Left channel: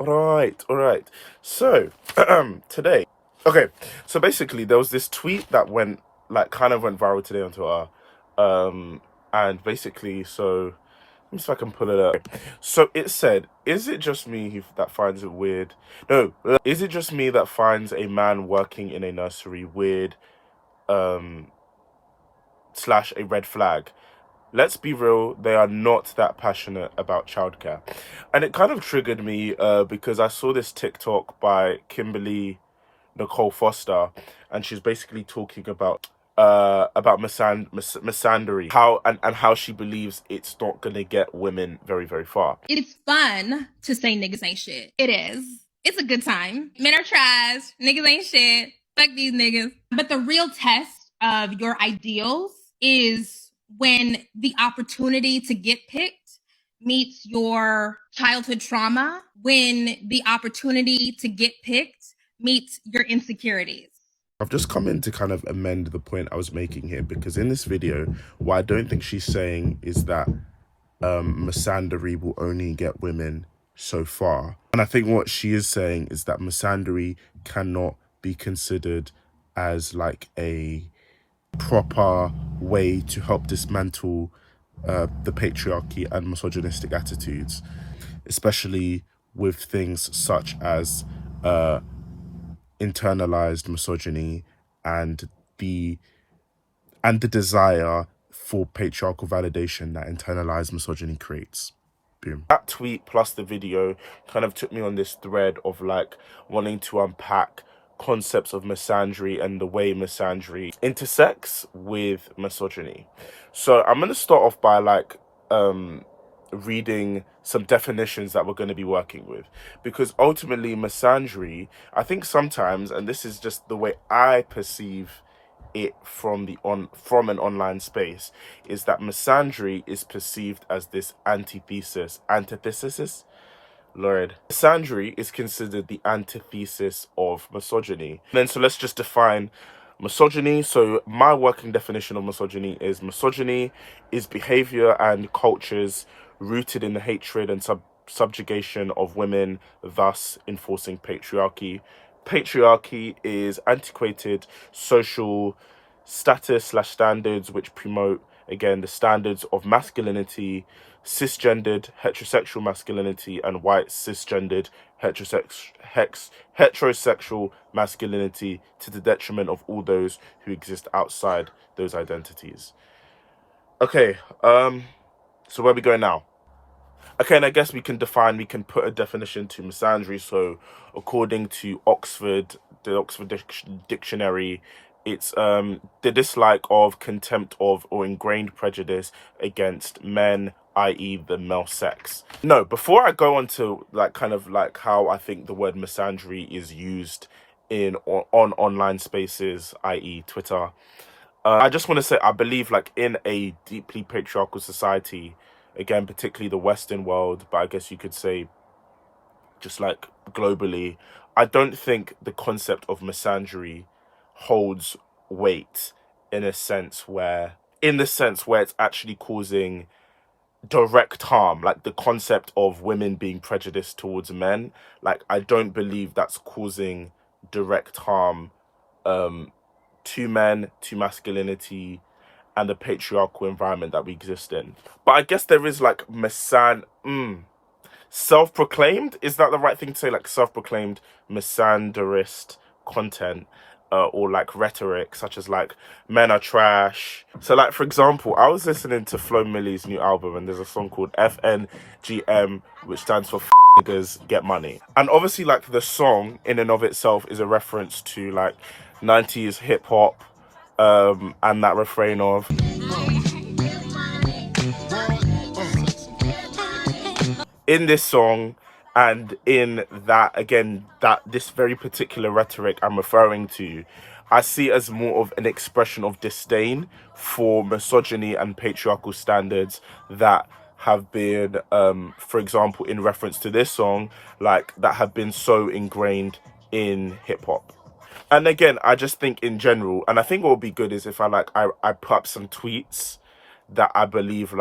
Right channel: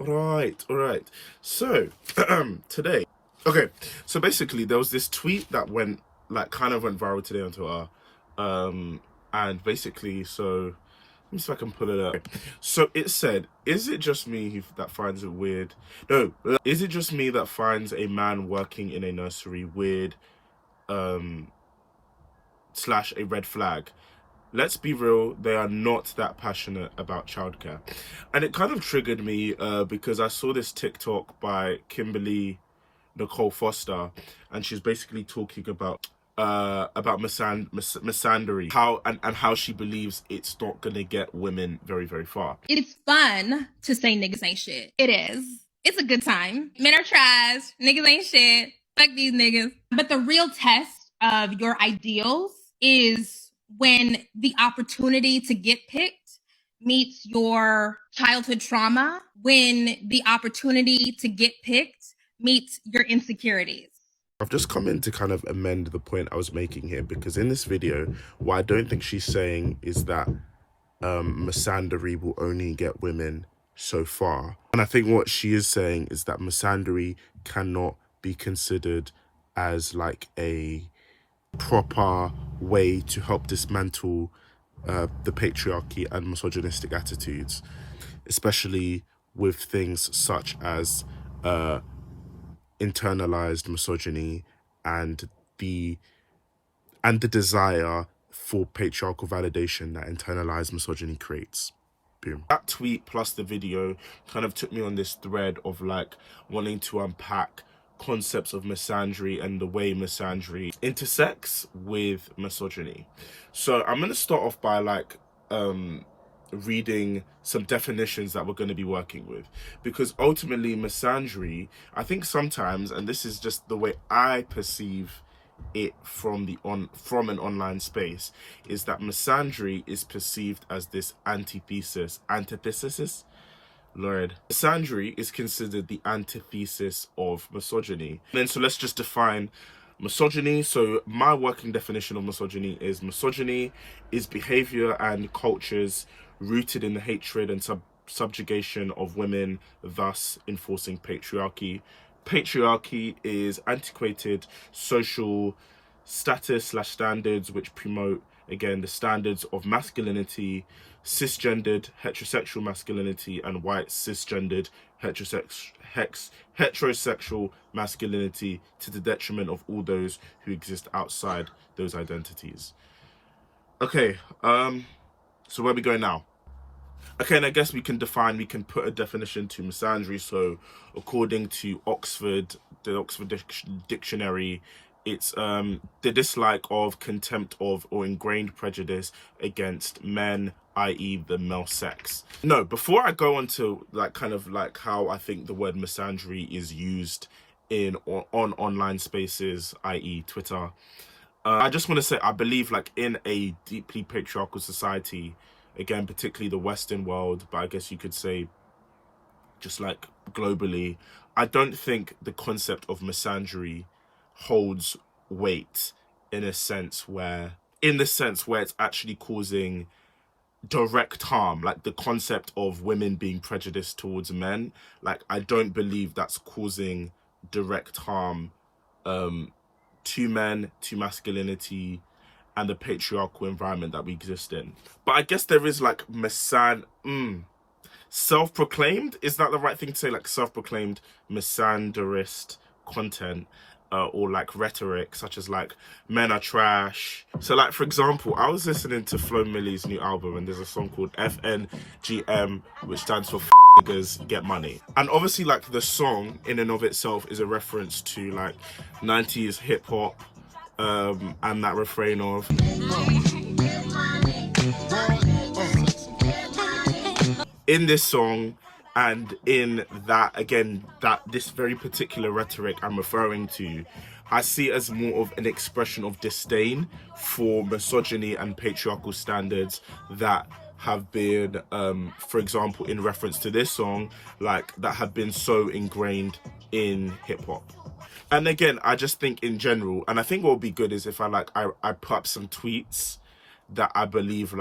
All right. So, today, okay. So basically, there was this tweet that went kind of went viral today on Twitter, and basically, so let me see if I can pull it up. So it said, "Is it just me that finds it weird? No, is it just me that finds a man working in a nursery weird, slash a red flag? Let's be real, they are not that passionate about childcare." And it kind of triggered me because I saw this TikTok by Kimberly Nicole Foster, and she's basically talking about misandry, how and how she believes it's not gonna get women very, very far. It's fun to say niggas ain't shit. It is. It's a good time. Men are trash. Niggas ain't shit. Fuck these niggas. But the real test of your ideals is when the opportunity to get picked meets your childhood trauma, when the opportunity to get picked meets your insecurities. I've just come in to kind of amend the point I was making here, because in this video, what I don't think she's saying is that misandry will only get women so far. And I think what she is saying is that misandry cannot be considered as like a proper way to help dismantle the patriarchy and misogynistic attitudes, especially with things such as internalized misogyny and the desire for patriarchal validation that internalized misogyny creates. Boom. That tweet plus the video kind of took me on this thread of like wanting to unpack concepts of misandry and the way misandry intersects with misogyny. So I'm going to start off by reading some definitions that we're going to be working with, because ultimately misandry, I think sometimes, and this is just the way I perceive it from an online space, is that misandry is perceived as this antithesis. Lord, misandry is considered the antithesis of misogyny. Then so let's just define misogyny. So my working definition of misogyny is behavior and cultures rooted in the hatred and subjugation of women, thus enforcing patriarchy. Patriarchy is antiquated social status / standards which promote, again, the standards of masculinity, cisgendered heterosexual masculinity, and white cisgendered heterosexual masculinity, to the detriment of all those who exist outside those identities. Okay, so where are we going now? Okay, and I guess we can put a definition to misandry. So according to the Oxford Dictionary, it's the dislike of, contempt of, or ingrained prejudice against men, i.e. the male sex. No, before I go on to how I think the word misandry is used on online spaces, i.e. Twitter, I just want to say I believe in a deeply patriarchal society, again, particularly the Western world, but I guess you could say just globally, I don't think the concept of misandry holds weight in the sense where it's actually causing direct harm, like the concept of women being prejudiced towards men. I don't believe that's causing direct harm to men, to masculinity, and the patriarchal environment that we exist in. But I guess there is self-proclaimed, is that the right thing to say? Self-proclaimed misandrist content, or rhetoric, such as men are trash. So for example, I was listening to Flo Milli's new album, and there's a song called FNGM, which stands for niggas get money. And obviously the song in and of itself is a reference to 90s hip-hop, and that refrain of in this song, and in that, again, that this very particular rhetoric I'm referring to, I see as more of an expression of disdain for misogyny and patriarchal standards that have been, for example, in reference to this song, that have been so ingrained in hip-hop. And again, I just think in general, and I think what would be good is if I put up some tweets that I believe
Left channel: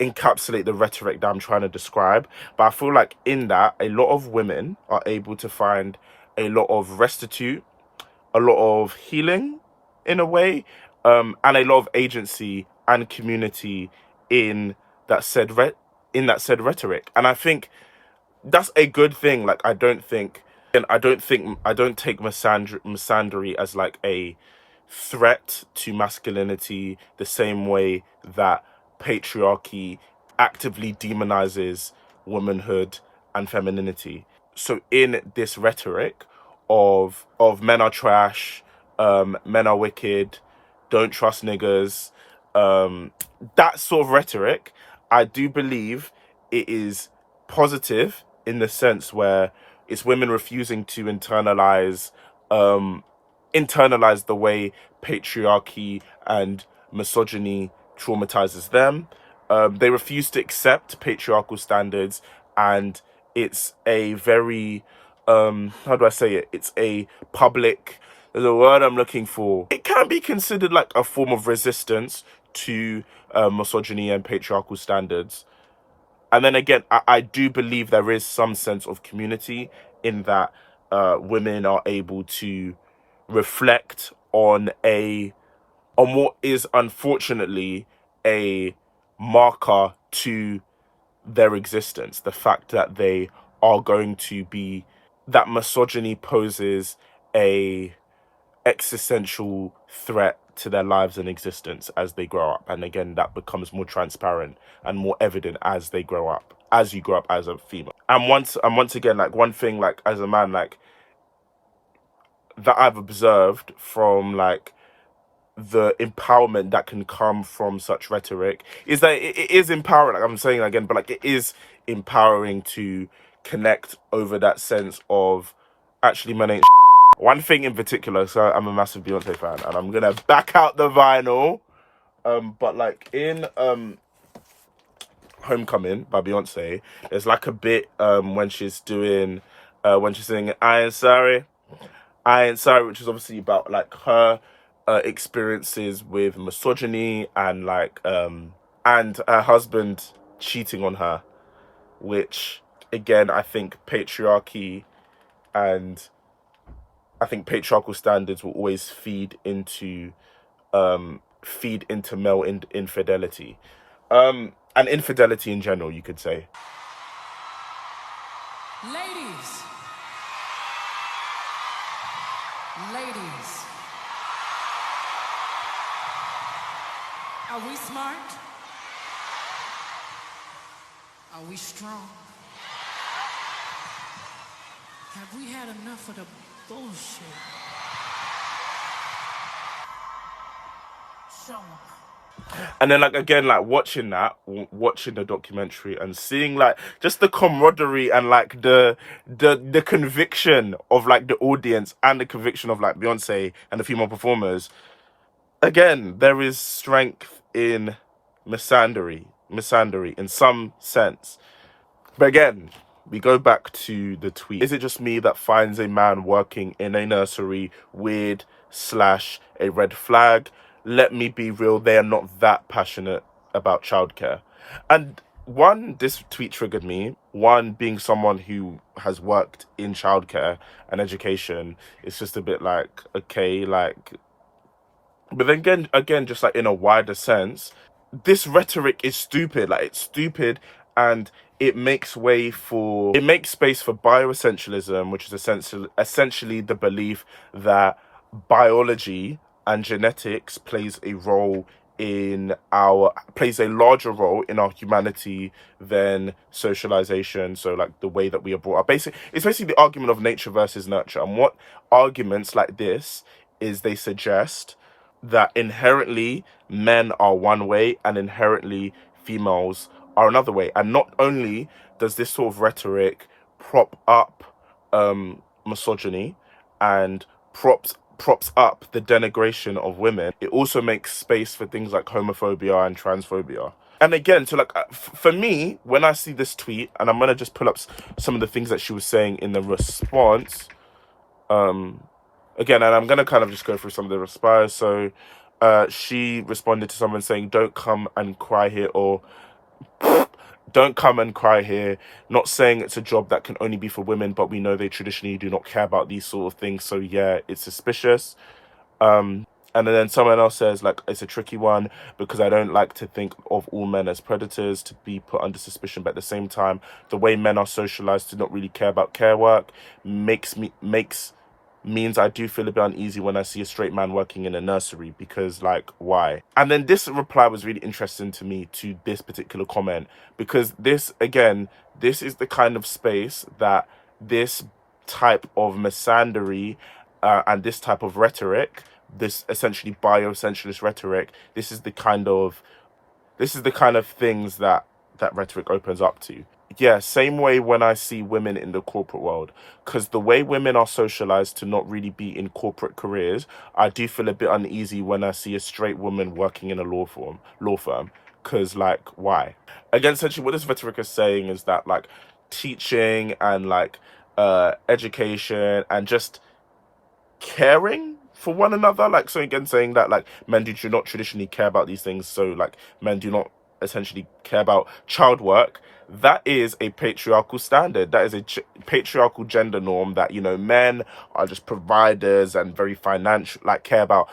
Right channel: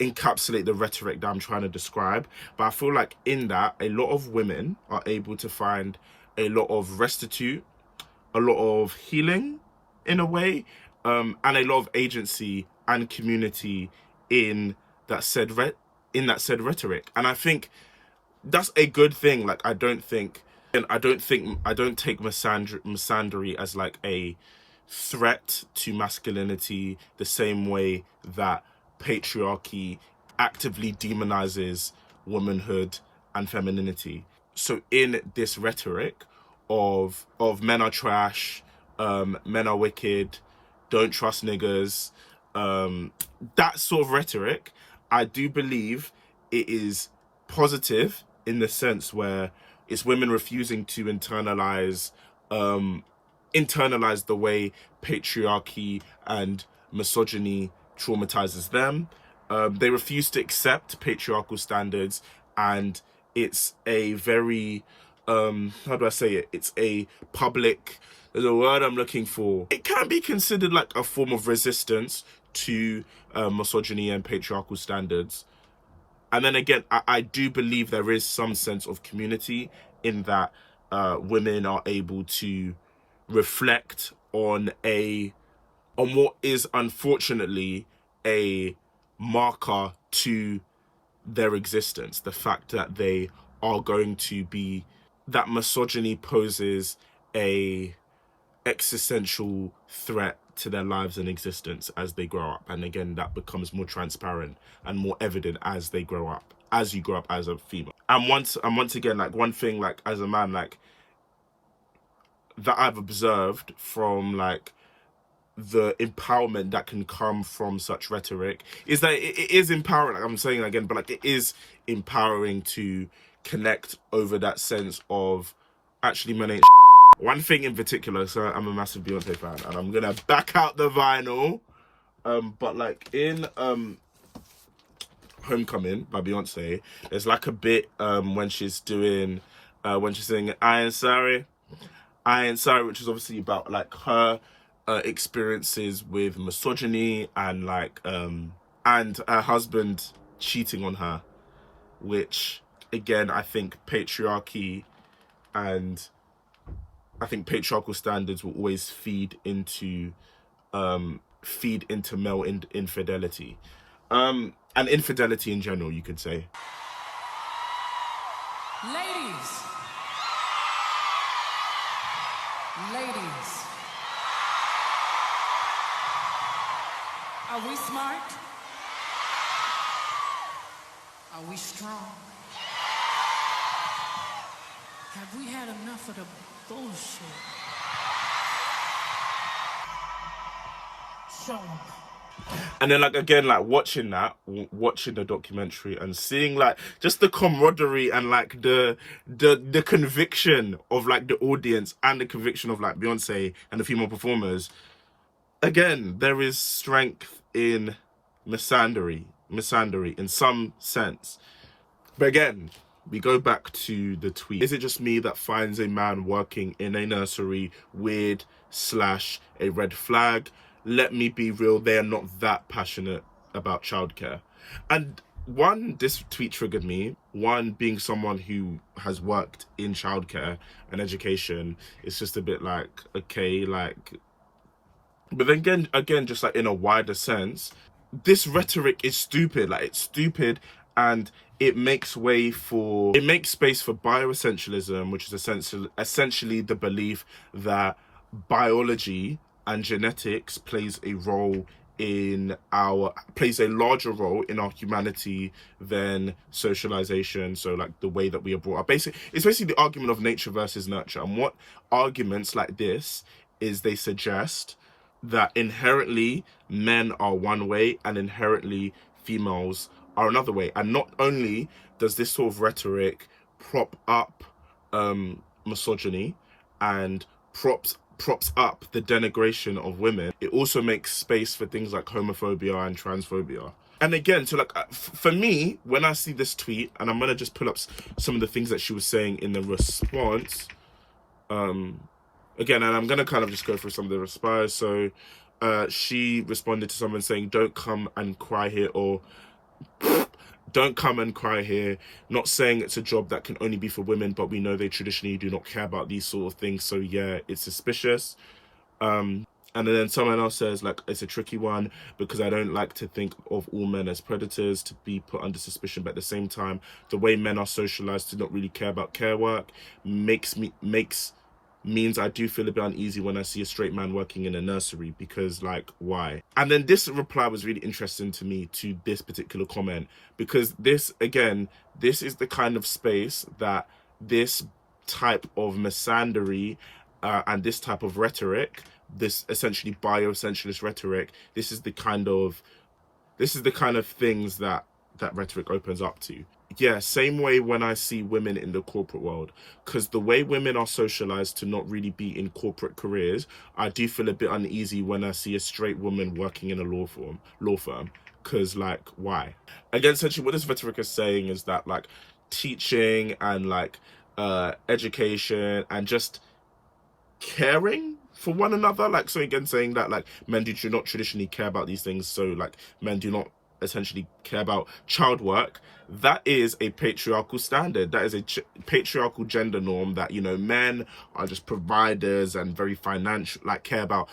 encapsulate the rhetoric that I'm trying to describe. But I feel like in that, a lot of women are able to find a lot of restitute, a lot of healing in a way, and a lot of agency and community in that said rhetoric. And I think that's a good thing. Like, I don't take misandry as like a threat to masculinity the same way that patriarchy actively demonizes womanhood and femininity. So in this rhetoric of men are trash, men are wicked, don't trust niggas, that sort of rhetoric, I do believe it is positive in the sense where it's women refusing to internalize the way patriarchy and misogyny traumatizes them. They refuse to accept patriarchal standards, and it's a very how do I say it? It's a public, there's a word I'm looking for. It can be considered like a form of resistance to misogyny and patriarchal standards. And then again, I do believe there is some sense of community in that women are able to reflect on what is unfortunately a marker to their existence. The fact that they are going to be, that misogyny poses a existential threat to their lives and existence as they grow up. And again, that becomes more transparent and more evident as they grow up, as you grow up as a female. And once again, like, one thing, like, as a man, like, that I've observed from like the empowerment that can come from such rhetoric is that it is empowering, like I'm saying again, but like, it is empowering to connect over that sense of actually men ain't one thing in particular. So I'm a massive Beyoncé fan, and I'm gonna back out the vinyl, but like in Homecoming by Beyonce, there's like a bit when she's singing I Ain't Sorry, which is obviously about like her experiences with misogyny and like and her husband cheating on her, which again, I think patriarchy and I think patriarchal standards will always feed into male infidelity, and infidelity in general, you could say. Ladies, are we smart? Are we strong? Have we had enough of the bullshit? Show 'em. And then like again, like watching the documentary and seeing like just the camaraderie and like the conviction of like the audience and the conviction of like Beyonce and the female performers. Again, there is strength in misandry in some sense. But again, we go back to the tweet. Is it just me that finds a man working in a nursery weird / a red flag? Let me be real, they are not that passionate about childcare. And one, this tweet triggered me. One, being someone who has worked in childcare and education, it's just a bit like, okay, like, but then again, just like in a wider sense, this rhetoric is stupid. Like, it's stupid, and it makes space for bioessentialism, which is essentially the belief that biology and genetics plays a larger role in our humanity than socialization. So like the way that we are brought up. It's basically the argument of nature versus nurture. And what arguments like this is, they suggest that inherently men are one way and inherently females are another way. And not only does this sort of rhetoric prop up misogyny and props up the denigration of women, it also makes space for things like homophobia and transphobia. And again, so like for me, when I see this tweet, and I'm gonna just pull up some of the things that she was saying in the response, again, and I'm gonna kind of just go through some of the replies. So she responded to someone saying, "Don't come and cry here," or don't come and cry here. Not saying it's a job that can only be for women, but we know they traditionally do not care about these sort of things. So yeah, it's suspicious. And then someone else says, like, it's a tricky one because I don't like to think of all men as predators to be put under suspicion. But at the same time, the way men are socialized to not really care about care work means I do feel a bit uneasy when I see a straight man working in a nursery, because, like, why? And then this reply was really interesting to me to this particular comment, because this, again, this is the kind of space that this type of misandry and this type of rhetoric, this essentially bioessentialist rhetoric, this is the kind of things that rhetoric opens up to. Yeah, same way when I see women in the corporate world, because the way women are socialized to not really be in corporate careers, I do feel a bit uneasy when I see a straight woman working in a law firm, because, like, why? Again, essentially what this rhetoric is saying is that, like, teaching and, like, education and just caring for one another, like, so again, saying that, like, men do not traditionally care about these things, so, like, men do not essentially care about child work. That is a patriarchal standard. That is a patriarchal gender norm that, you know, men are just providers and very financial, like, care about,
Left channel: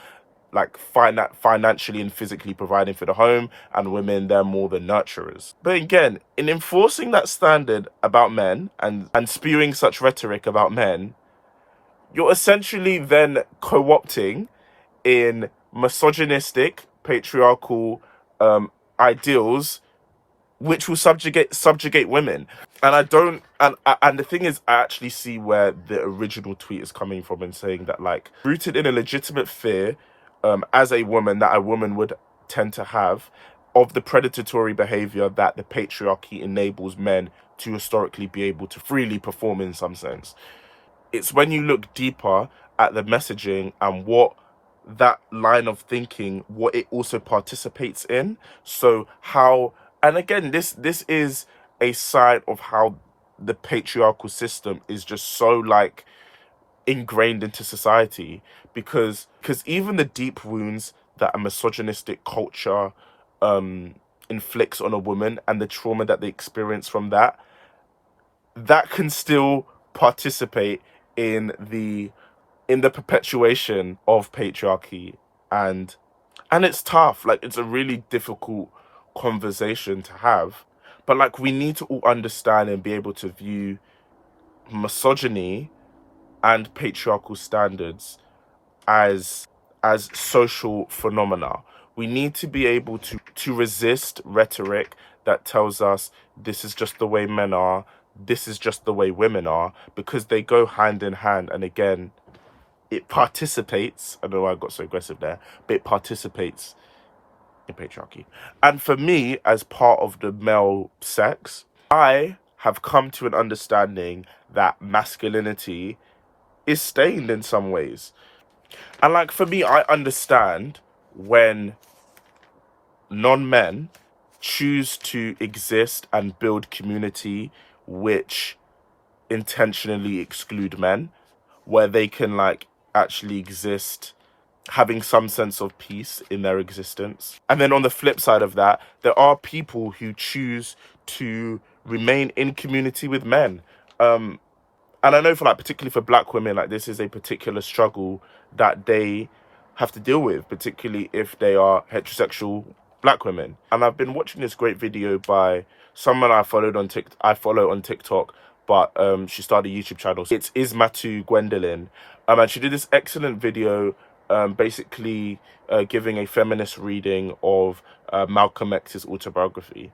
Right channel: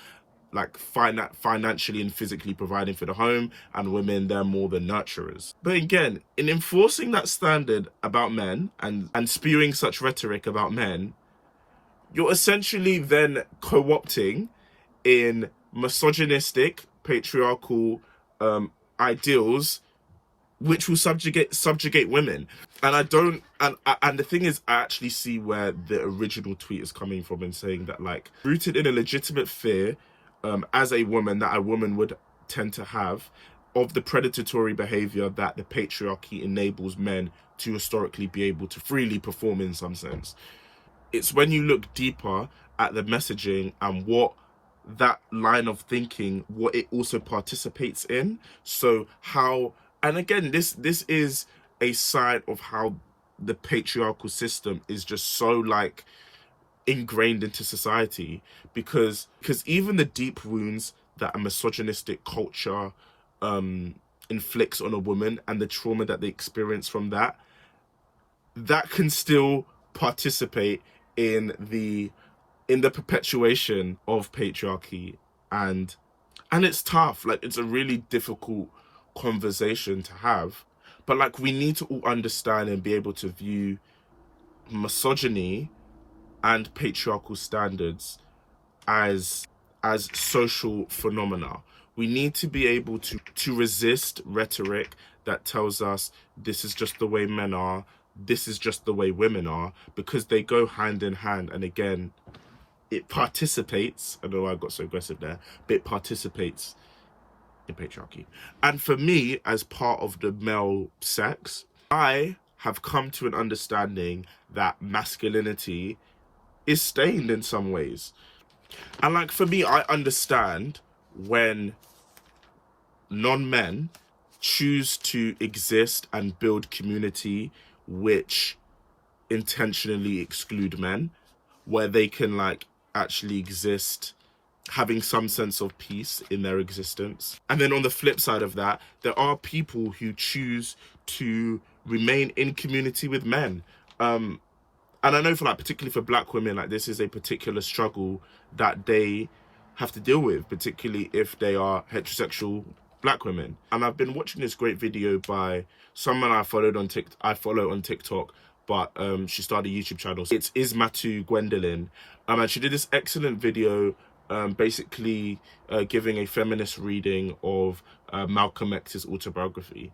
like, financially and physically providing for the home, and women, they're more the nurturers. But again, in enforcing that standard about men and spewing such rhetoric about men, you're essentially then co-opting in misogynistic, patriarchal ideals, which will subjugate women. And I don't, and the thing is, I actually see where the original tweet is coming from, and saying that, like, rooted in a legitimate fear as a woman, that a woman would tend to have, of the predatory behavior that the patriarchy enables men to historically be able to freely perform in some sense. It's when you look deeper at the messaging and what that line of thinking, what it also participates in. So how, and again, this is a side of how the patriarchal system is just so, like, ingrained into society, because even the deep wounds that a misogynistic culture inflicts on a woman and the trauma that they experience from that can still participate in the perpetuation of patriarchy. And it's tough. Like, it's a really difficult conversation to have, but, like, we need to all understand and be able to view misogyny and patriarchal standards as social phenomena. We need to be able to resist rhetoric that tells us this is just the way men are, this is just the way women are, because they go hand in hand. And again, it participates, I don't know why I got so aggressive there, but it participates in patriarchy. And for me, as part of the male sex, I have come to an understanding that masculinity is stained in some ways. And, like, for me, I understand when non-men choose to exist and build community which intentionally exclude men, where they can, like, actually exist having some sense of peace in their existence. And then on the flip side of that, there are people who choose to remain in community with men. And I know, for, like, particularly for black women, like, this is a particular struggle that they have to deal with, particularly if they are heterosexual black women. And I've been watching this great video by someone I follow on TikTok, but she started a YouTube channel. It's Ismatu Gwendolyn, and she did this excellent video, basically giving a feminist reading of Malcolm X's autobiography.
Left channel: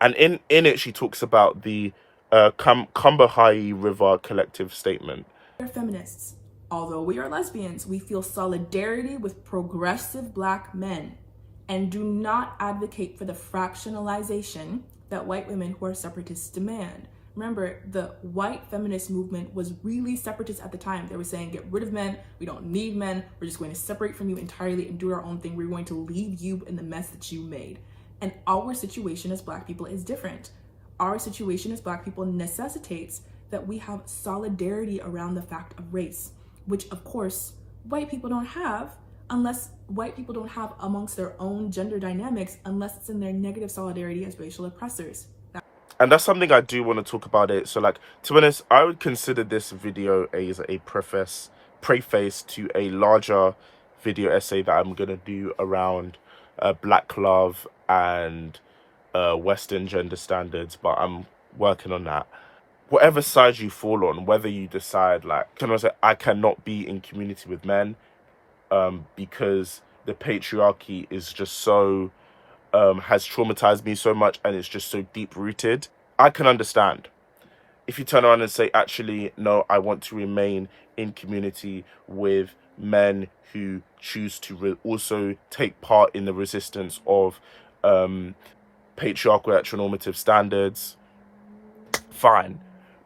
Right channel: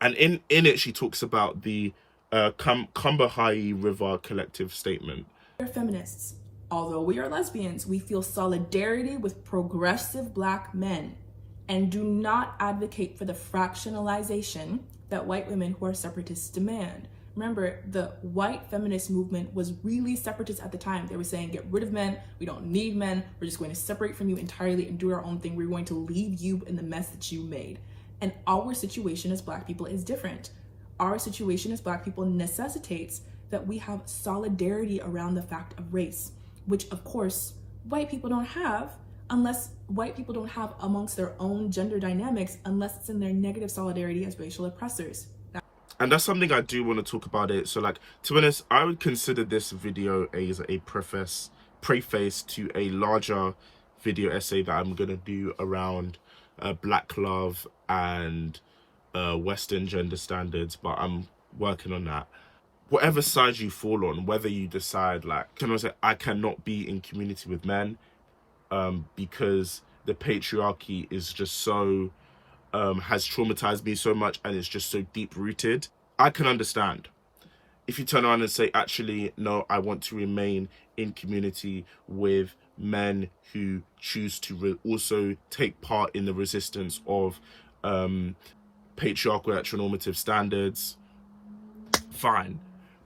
And in it, she talks about the Combahee River Collective Statement. We're feminists. Although we are lesbians, we feel solidarity with progressive black men and do not advocate for the fractionalization that white women who are separatists demand. Remember, the white feminist movement was really separatist at the time. They were saying, get rid of men, we don't need men, we're just going to separate from you entirely and do our own thing. We're going to leave you in the mess that you made. And our situation as black people is different. Our situation as black people necessitates that we have solidarity around the fact of race, which of course white people don't have unless white people don't have amongst their own gender dynamics, unless it's in their negative solidarity as racial oppressors. And that's something I do want to talk about it. So, like, to be honest, I would consider this video as a preface to a larger video essay that I'm going to do around Black love and Western gender standards, but I'm working on that. Whatever side you fall on, whether you decide, like, can I say, I cannot be in community with men because the patriarchy is just so... has traumatized me so much and it's just so deep rooted, I can understand. If you turn around and say, actually, no, I want to remain in community with men who choose to also take part in the resistance of patriarchal heteronormative standards, fine.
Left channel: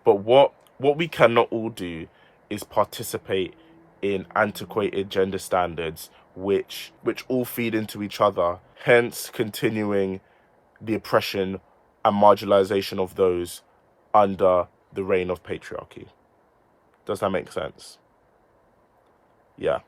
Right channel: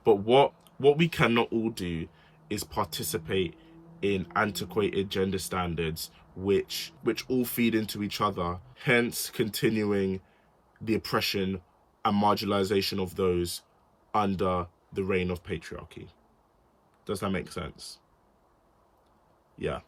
But what we cannot all do is participate in antiquated gender standards which all feed into each other, hence continuing the oppression and marginalization of those under the reign of patriarchy. Does that make sense? Yeah.